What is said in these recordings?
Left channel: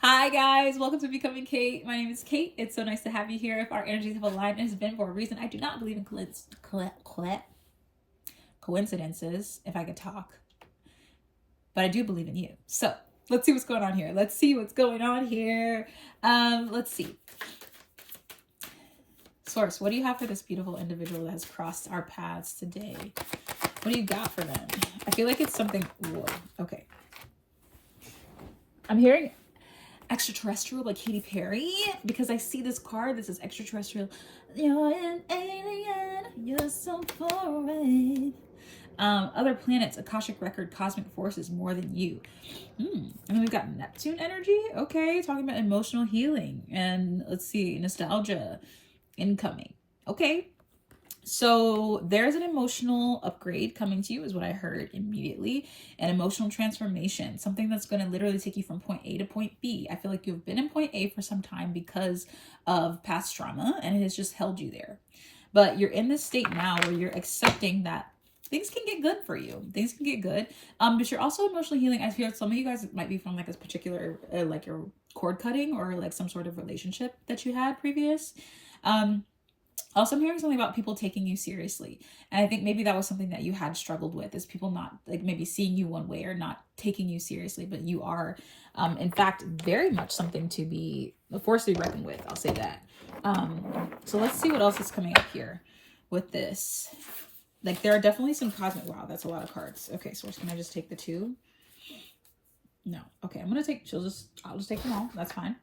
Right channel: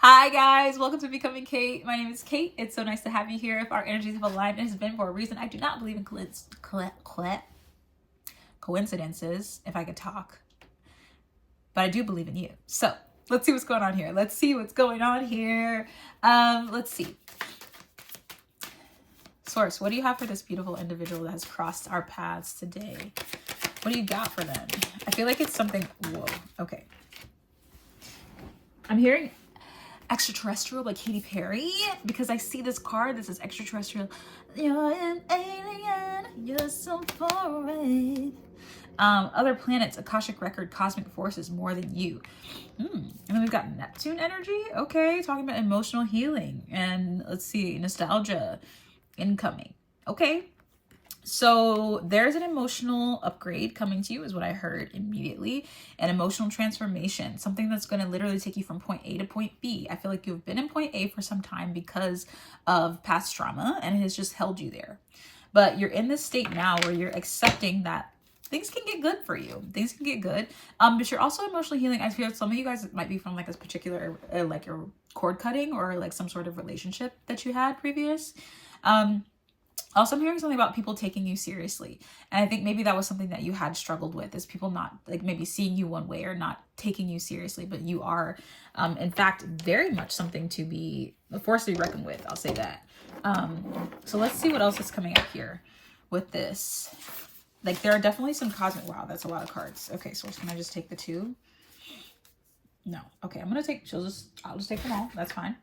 Hi guys, welcome to Becoming Kate. My name is Kate. It's so nice to have you here. If our energies have aligned, it has been for a reason. I do not believe in coincidences, if I could talk, but I do believe in you. So let's see what's going on here. Let's see. Source, what do you have for this beautiful individual that has crossed our paths today? What do you got for them? I feel like it's something. Whoa. Okay. I'm hearing extraterrestrial by Katy Perry because I see this card. This is extraterrestrial. You're an alien. You're so far away. Other planets, Akashic record, cosmic forces more than you. And then we've got Neptune energy. Okay, talking about emotional healing and let's see, nostalgia incoming. Okay. So there's an emotional upgrade coming to you is what I heard immediately. An emotional transformation, something that's going to literally take you from point A to point B. I feel like you've been in point A for some time because of past trauma and it has just held you there. But you're in this state now where you're accepting that things can get good for you. Things can get good. But you're also emotionally healing. I feel like some of you guys might be from like this particular, like your cord cutting or like some sort of relationship that you had previous. Also, I'm hearing something about people taking you seriously. And I think maybe that was something that you had struggled with, is people not like maybe seeing you one way or not taking you seriously, but you are, in fact, very much something to be a force to be reckoned with. I'll say that. So let's see what else is coming up here with this. Like there are definitely some cosmic, wow, that's a lot of cards. Okay, so can I just take the two? No. Okay, I'll just take them all. That's fine.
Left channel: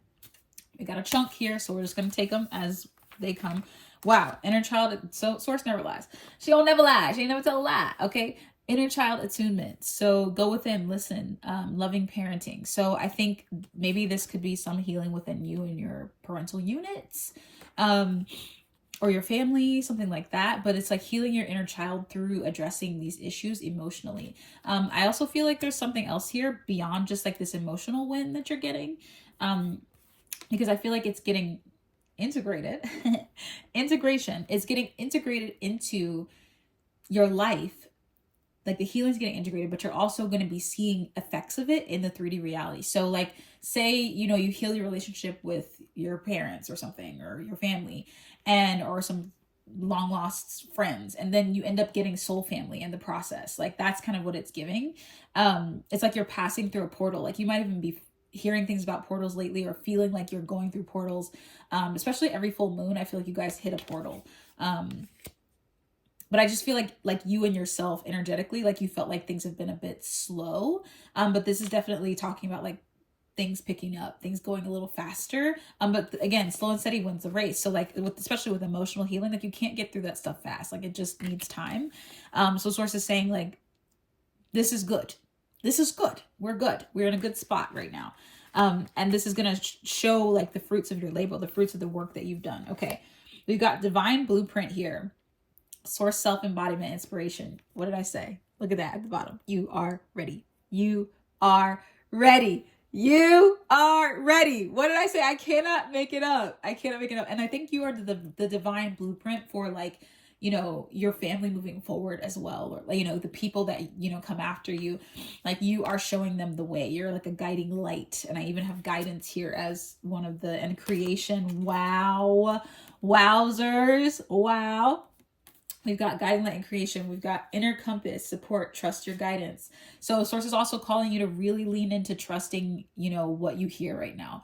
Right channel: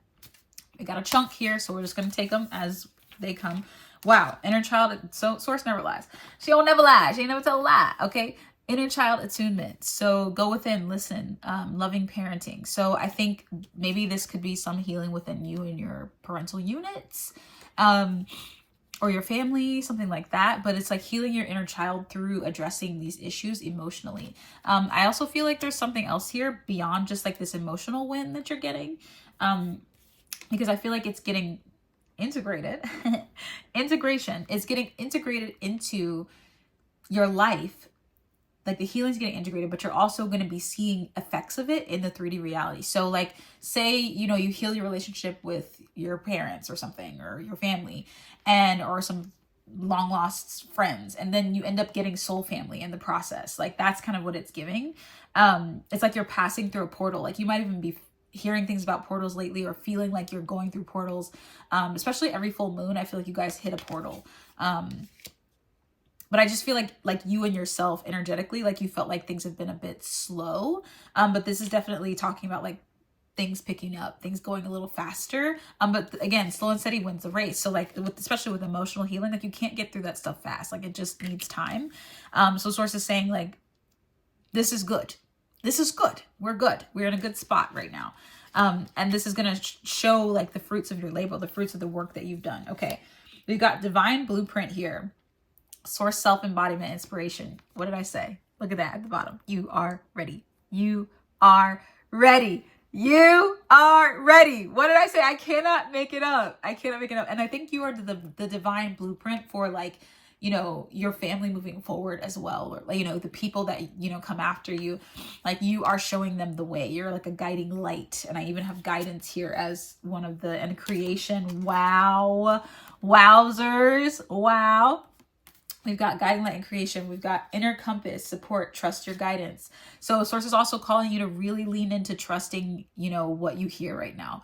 We got a chunk here, so we're just going to take them as they come. Wow, inner child, so source never lies. She don't never lie. She ain't never tell a lie, okay? Inner child attunement. So go within, listen, loving parenting. So I think maybe this could be some healing within you and your parental units, or your family, something like that. But it's like healing your inner child through addressing these issues emotionally. I also feel like there's something else here beyond just like this emotional win that you're getting, because I feel like it's getting integrated. Integration is getting integrated into your life. Like the healing is getting integrated, but you're also going to be seeing effects of it in the 3D reality. So like say, you know, you heal your relationship with your parents or something, or your family, or some long lost friends, and then you end up getting soul family in the process. Like that's kind of what it's giving. It's like you're passing through a portal. Like you might even be hearing things about portals lately, or feeling like you're going through portals, especially every full moon. I feel like you guys hit a portal. But I just feel like you and yourself energetically, like you felt like things have been a bit slow. But this is definitely talking about like things picking up, things going a little faster. But again, slow and steady wins the race. So like especially with emotional healing, like you can't get through that stuff fast. Like it just needs time. So source is saying like, this is good. This is good. We're good. We're in a good spot right now. And this is going to show like the fruits of your labor, the fruits of the work that you've done. Okay. We've got divine blueprint here. Source, self-embodiment, inspiration. What did I say? Look at that at the bottom. You are ready. You are ready. You are ready. What did I say? I cannot make it up. I cannot make it up. And I think you are the divine blueprint for like, you know, your family moving forward as well. Or, you know, the people that, you know, come after you, like you are showing them the way. You're like a guiding light. And I even have guidance here as one of the, and creation. Wow. Wowzers. Wow. We've got guiding light and creation. We've got inner compass, support, trust your guidance. So source is also calling you to really lean into trusting, you know, what you hear right now,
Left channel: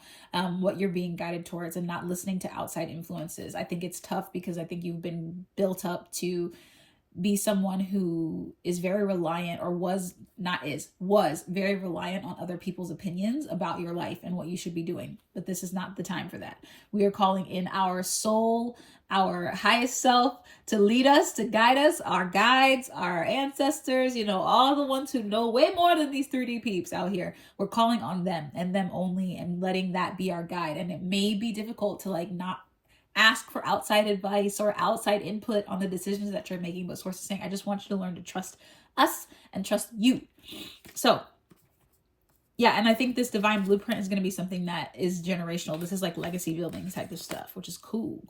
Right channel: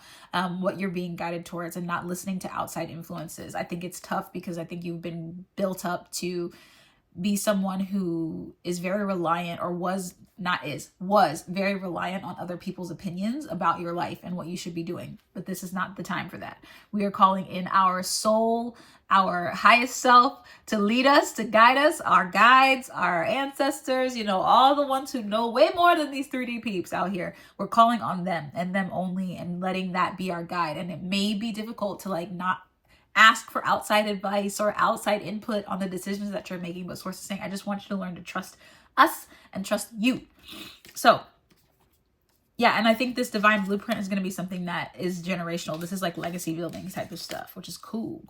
what you're being guided towards, and not listening to outside influences. I think it's tough because I think you've been built up to be someone who is very reliant, or was very reliant on other people's opinions about your life and what you should be doing. But this is not the time for that. We are calling in our soul, our highest self, to lead us, to guide us, our guides, our ancestors, you know, all the ones who know way more than these 3D peeps out here. We're calling on them and them only, and letting that be our guide. And it may be difficult to like not ask for outside advice or outside input on the decisions that you're making, but source is saying, I just want you to learn to trust us and trust you. So yeah, and I think this divine blueprint is going to be something that is generational. This is like legacy building type of stuff, which is cool.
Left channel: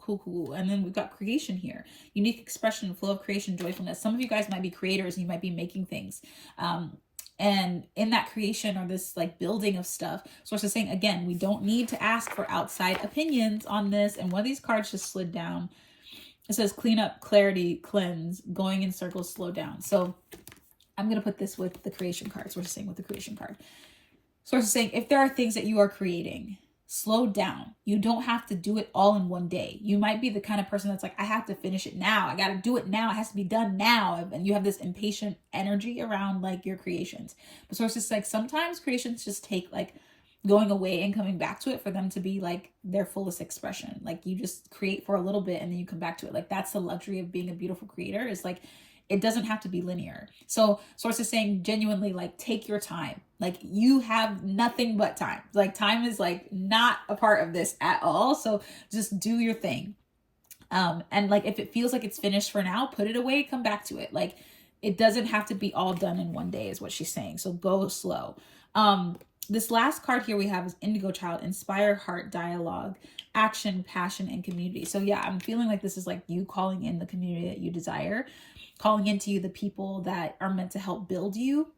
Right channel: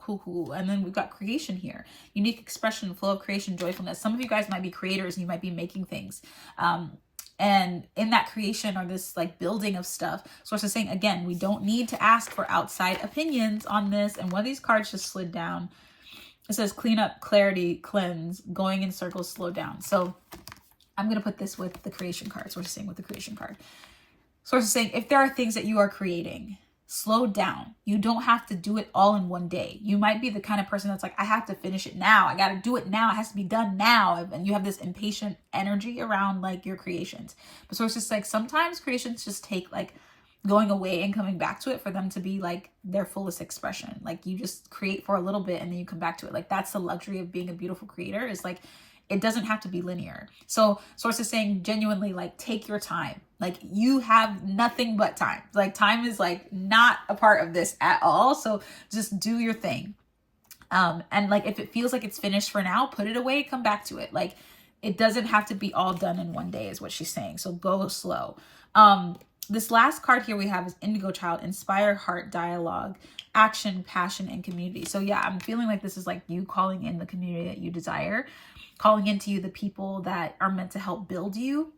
And then we've got creation here. Unique expression, flow of creation, joyfulness. Some of you guys might be creators and you might be making things. And in that creation or this like building of stuff, Source is saying, again, we don't need to ask for outside opinions on this. And one of these cards just slid down. It says clean up, clarity, cleanse, going in circles, slow down. So I'm going to put this with the creation card. Source is saying with the creation card. Source is saying, if there are things that you are creating, slow down. You don't have to do it all in one day. You might be the kind of person that's like, I have to finish it now. I got to do it now. It has to be done now. And you have this impatient energy around like your creations. But Source is like, sometimes creations just take like going away and coming back to it for them to be like their fullest expression. Like you just create for a little bit and then you come back to it. Like that's the luxury of being a beautiful creator, is like, it doesn't have to be linear. So Source is saying genuinely, like, take your time. Like you have nothing but time. Like time is like not a part of this at all. So just do your thing. And like, if it feels like it's finished for now, put it away, come back to it. Like it doesn't have to be all done in one day is what she's saying. So go slow. This last card here we have is Indigo Child, inspire, heart, dialogue, action, passion, and community. So yeah, I'm feeling like this is like you calling in the community that you desire, calling into you the people that are meant to help build you,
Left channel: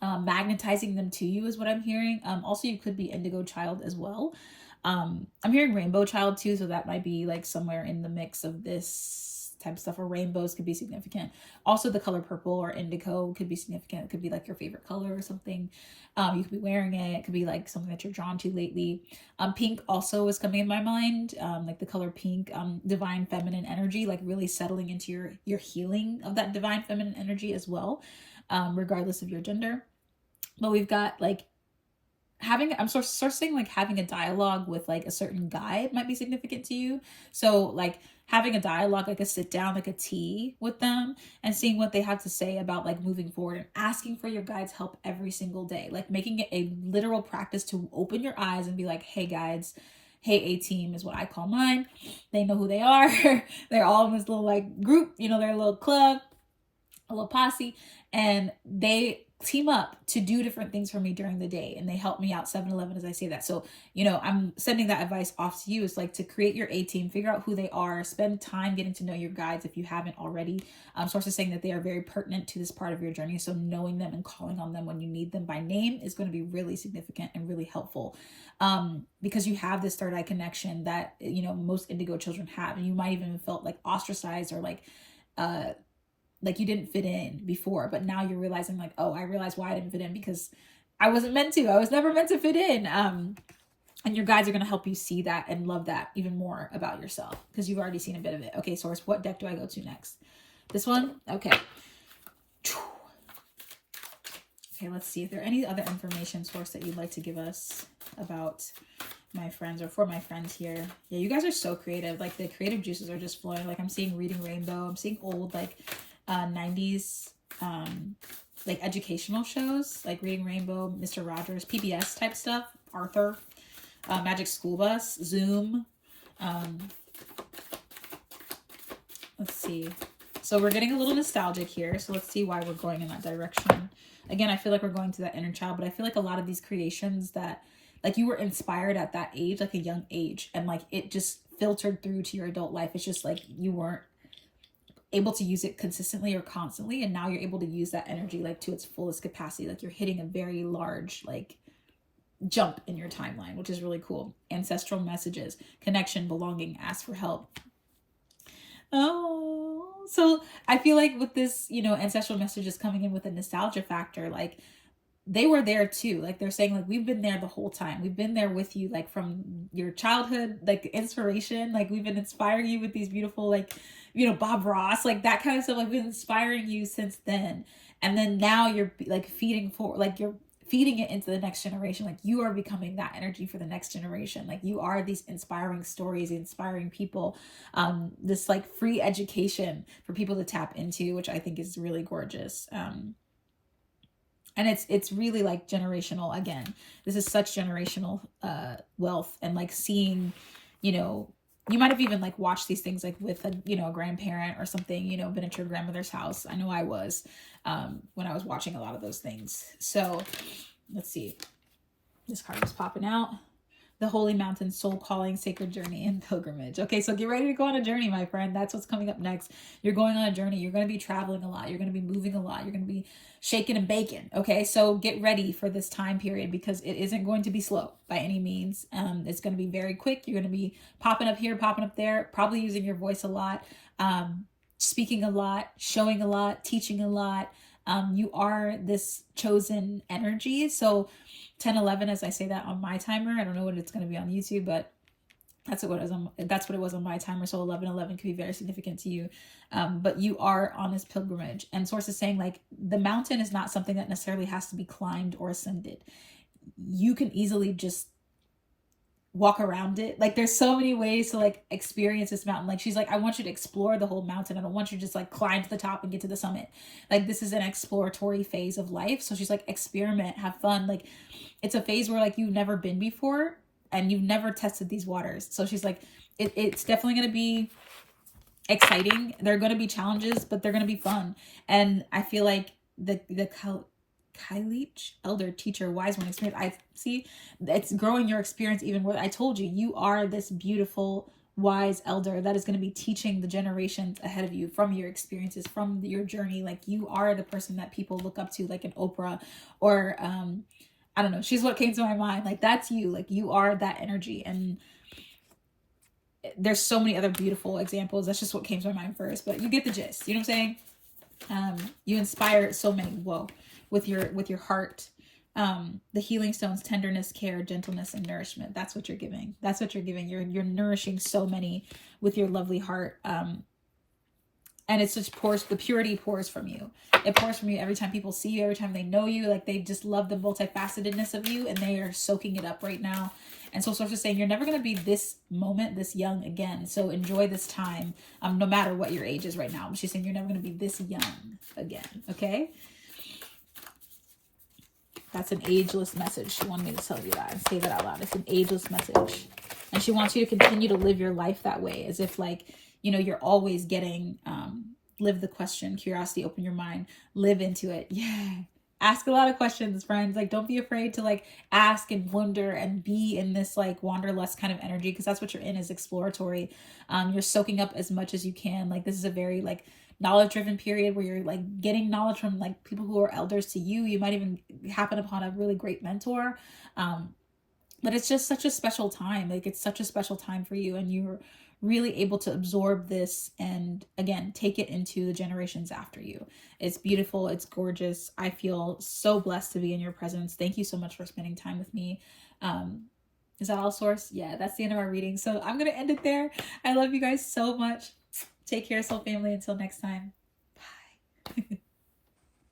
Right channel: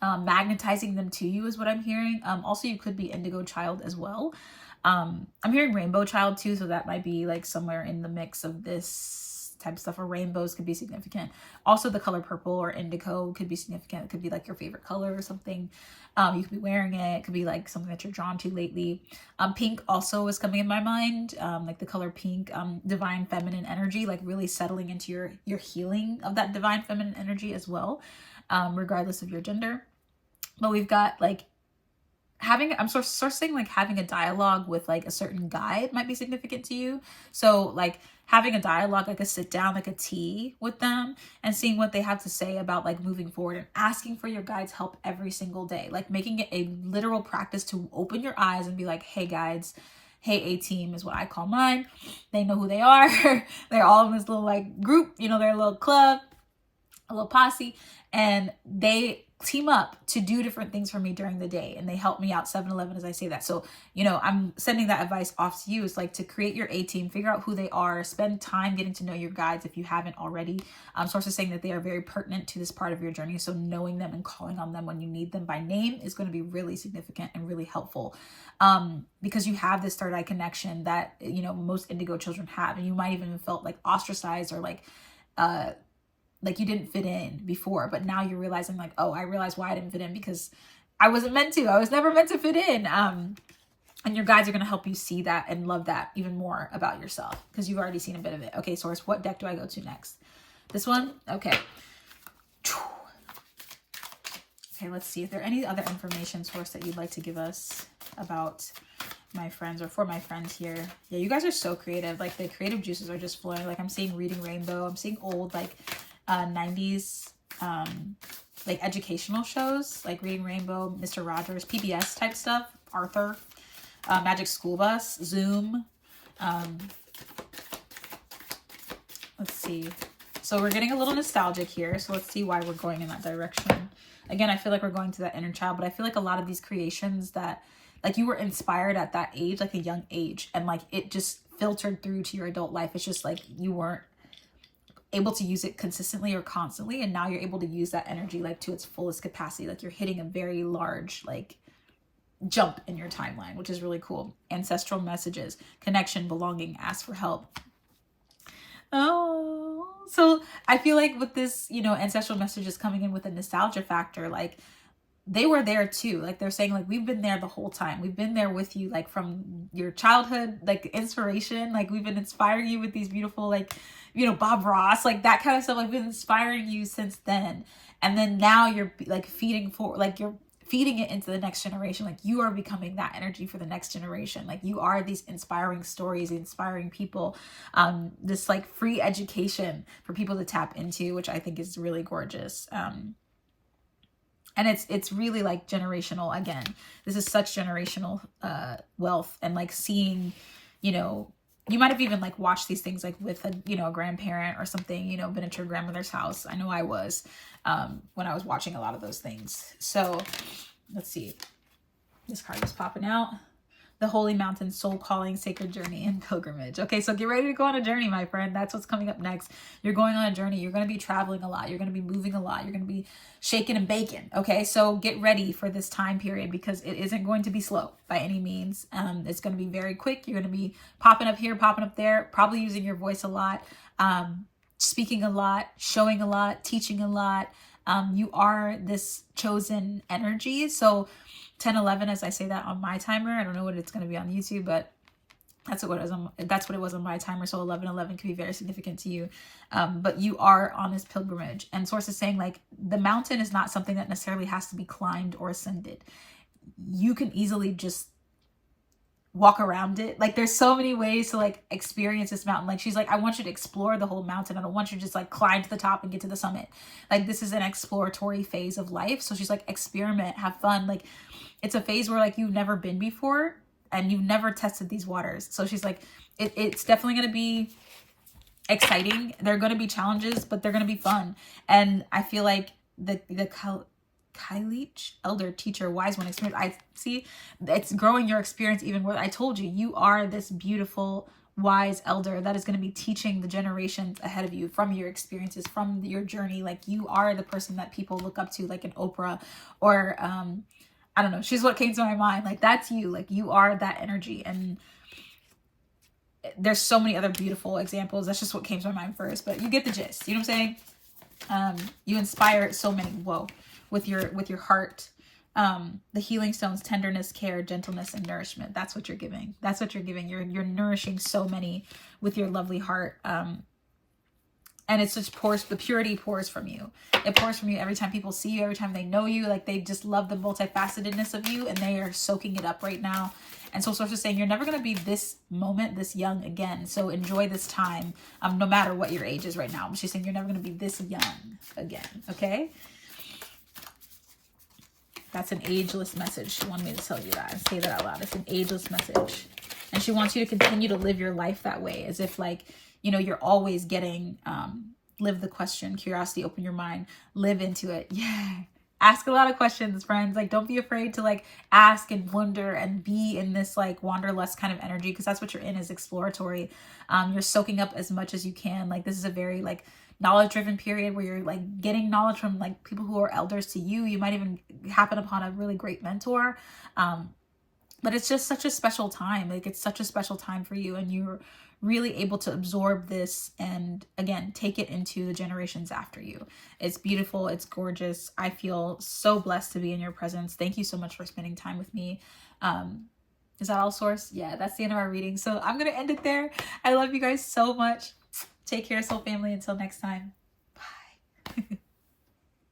magnetizing them to you is what I'm hearing. Also, you could be Indigo Child as well. I'm hearing Rainbow Child too, so that might be like somewhere in the mix of this type of stuff, or rainbows could be significant. Also, the color purple or indigo could be significant. It could be like your favorite color or something. You could be wearing it. It could be like something that you're drawn to lately. Pink also is coming in my mind, like the color pink, divine feminine energy, like really settling into your healing of that divine feminine energy as well, regardless of your gender. But we've got like I'm sourcing like having a dialogue with like a certain guide might be significant to you. So like having a dialogue, like a sit down, like a tea with them and seeing what they have to say about like moving forward, and asking for your guides' help every single day, like making it a literal practice to open your eyes and be like, hey guides, hey A-team is what I call mine. They know who they are. They're all in this little like group, you know, they're a little club, a little posse, and they team up to do different things for me during the day, and they help me out 7-Eleven as I say that. So, you know, I'm sending that advice off to you. It's like to create your A-team, figure out who they are, spend time getting to know your guides if you haven't already. Source is saying that they are very pertinent to this part of your journey. So knowing them and calling on them when you need them by name is going to be really significant and really helpful. Because you have this third eye connection that, you know, most indigo children have, and you might even have felt like ostracized or like you didn't fit in before, but now you're realizing like, oh, I realized why I didn't fit in, because I wasn't meant to. I was never meant to fit in. And your guides are going to help you see that and love that even more about yourself, because you've already seen a bit of it. Okay, Source, what deck do I go to next? This one? Okay. Okay, let's see if there any other information, Source, that you'd like to give us about my friends or for my friends here. Yeah, you guys are so creative. Like the creative juices are just flowing. Like I'm seeing Reading Rainbow. I'm seeing old like 90s like educational shows like Reading Rainbow, Mr. Rogers, PBS type stuff, Arthur, Magic School Bus, Zoom. Let's see. So we're getting a little nostalgic here. So let's see why we're going in that direction. Again, I feel like we're going to that inner child, but I feel like a lot of these creations that like you were inspired at that age, like a young age, and like it just filtered through to your adult life. It's just like you weren't able to use it consistently or constantly, and now you're able to use that energy like to its fullest capacity. Like you're hitting a very large like jump in your timeline, which is really cool. Ancestral messages, connection, belonging, ask for help. Oh, so I feel like with this, you know, ancestral messages coming in with a nostalgia factor, like they were there too. Like they're saying like, we've been there the whole time. We've been there with you, like from your childhood, like inspiration, like we've been inspiring you with these beautiful, like, you know, Bob Ross, like that kind of stuff. Like we've been inspiring you since then. And then now you're like feeding for, like you're feeding it into the next generation. Like you are becoming that energy for the next generation. Like you are these inspiring stories, inspiring people, this like free education for people to tap into, which I think is really gorgeous. And it's really like generational. Again, this is such generational wealth, and like seeing, you know, you might have even like watched these things like with a, you know, a grandparent or something, you know, been at your grandmother's house. I know I was when I was watching a lot of those things. So let's see. This card was popping out. the holy mountain, soul calling, sacred journey, and pilgrimage. Okay, so get ready to go on a journey, my friend. That's what's coming up next. You're going on a journey. You're going to be traveling a lot. You're going to be moving a lot. You're going to be shaking and baking. Okay, so get ready for this time period because it isn't going to be slow by any means. It's going to be very quick. You're going to be popping up here, popping up there, probably using your voice a lot, speaking a lot, showing a lot, teaching a lot. You are this chosen energy. So 10:11, as I say that on my timer, I don't know what it's going to be on YouTube, but that's what it was on my timer. So 11:11 could be very significant to you. But you are on this pilgrimage, and Source is saying like the mountain is not something that necessarily has to be climbed or ascended. You can easily just walk around it. Like there's so many ways to like experience this mountain. Like she's like, I want you to explore the whole mountain. I don't want you to just like climb to the top and get to the summit. Like this is an exploratory phase of life. So she's like, experiment, have fun. Like it's a phase where like you've never been before and you've never tested these waters. So she's like, it's definitely going to be exciting. There are going to be challenges, but they're going to be fun. And I feel like the Kailich, elder, teacher, wise one, experience. I see it's growing your experience even more. I told you, you are this beautiful, wise elder that is going to be teaching the generations ahead of you from your experiences, from your journey. Like you are the person that people look up to, like an Oprah or, I don't know. She's what came to my mind. Like that's you. Like you are that energy. And there's so many other beautiful examples. That's just what came to my mind first, but you get the gist. You know what I'm saying? You inspire so many. Whoa. With your heart, the healing stones, tenderness, care, gentleness, and nourishment. That's what you're giving. That's what you're giving. You're nourishing so many with your lovely heart. And it's just pours, the purity pours from you. It pours from you every time people see you, every time they know you. Like they just love the multifacetedness of you and they are soaking it up right now. And so Source is saying, you're never going to be this moment, this young again. So enjoy this time, no matter what your age is right now. She's saying you're never going to be this young again. Okay. That's an ageless message. She wanted me to tell you that and say that out loud. It's an ageless message. And she wants you to continue to live your life that way, as if like, you know, you're always getting, live the question, curiosity, open your mind, live into it. Yeah. Ask a lot of questions, friends. Like, don't be afraid to like ask and wonder and be in this like wanderlust kind of energy. Cause that's what you're in, is exploratory. You're soaking up as much as you can. Like this is a very like knowledge driven period where you're like getting knowledge from like people who are elders to you. You might even happen upon a really great mentor. But it's just such a special time. Like it's such a special time for you, and you're really able to absorb this and again, take it into the generations after you. It's beautiful. It's gorgeous. I feel so blessed to be in your presence. Thank you so much for spending time with me. Is that all, Source? Yeah, that's the end of our reading. So I'm going to end it there. I love you guys so much. Take care, soul family. Until next time. Bye.